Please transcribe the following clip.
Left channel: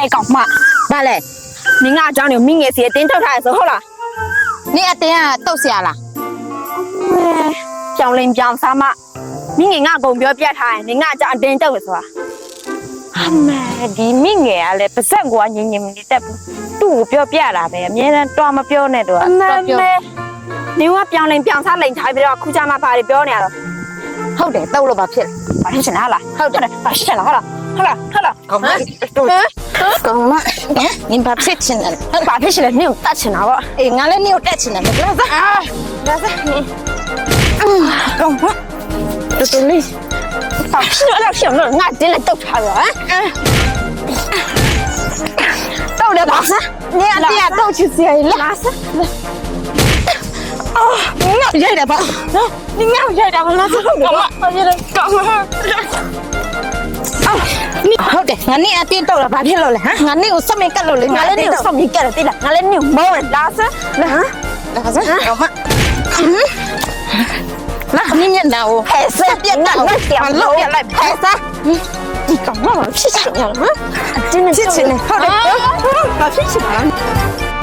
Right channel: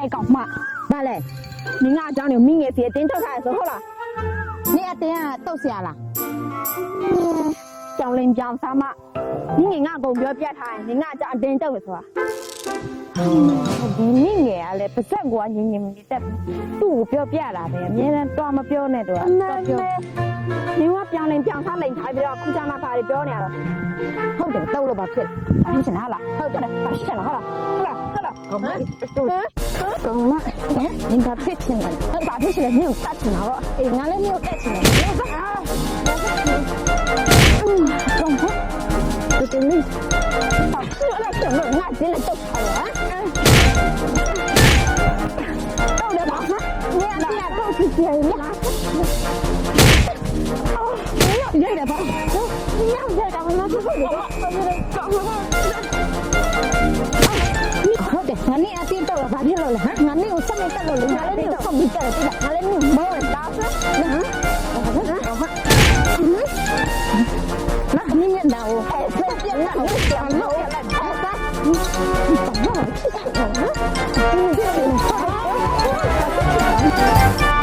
嘿，搞嘛？ဘာလဲ 你俺讲的明年是顶头开始好了。 နေအတင်းကတုတ်ဆရာလား ပြောင်းလင်းပြောင်းစားမမိငယ်ငါကုန်ပြောပြထားရင်ငါကြောင့်တင်းတုတ်လို့ဆိုတာအမေဒီမိငယ်ကလည်းပါဇက်ကညင်ညင်နေတက်သူ့ကိုပြောပြတာပဲအများနဲ့တွားမပြောနဲ့တော့တော့ပြောနေကပြောင်းလင်းပြောင်းစားလိန်ထားပြီးတော့ခုချမပါပြောနေရတော့ ဟုတ်တယ်တုတ်လို့ဘာဖြစ် ဘာဖြစ်ချင်လားဟုတ်တယ်ဘာဖြစ်လားဟုတ်လား ကောင်းမကောင်းမနင်ဘာဖြစ်ချင်လဲ ဘာဖြစ်ချင်လဲနင့်ကိုတတ်ချင်တာပေါ့ အေးငါလည်းနင်ကိုတက်ချင်တယ်ပြောစမ်း ဒါစားကောင်းပါတော်တော်လေးဘာဖြစ်လို့ငါတင်းလက်တုတ်ထားတော့ဟမ်တော့လည်းပါစား နေအတင်းကတုတ်ချစ်စရာလား လာစားအော်ငါရိုက်တယ်ပါနော်ငါရိုက်တာမလားကောင်းပါဘာဖြစ်လဲကောင်းပါ ဟုတ်တယ်ငါနေအတင်းတုတ်တာဘာဖြစ်လို့လဲဟမ်ငါနေကိုစမင်ကတ်လို့လေ ငါလည်းနေကိုစောင့်ပြီးကြတယ်တိလားငါလည်းနေကိုမောင်းလာစားလာဟမ် ဒါဆိုကောင်းမလာနင်ညနာကို ဟဲ့ဆက်ပြတ်တော့ပြန်လို့ပြလိုက်ဖဲစားဒီကောင်မဖြစ်ချင်လားအတင်းနဲ့ဖြစ်ချင်တယ်ဟုတ်တယ်ဘာဖြစ်ချင်လဲ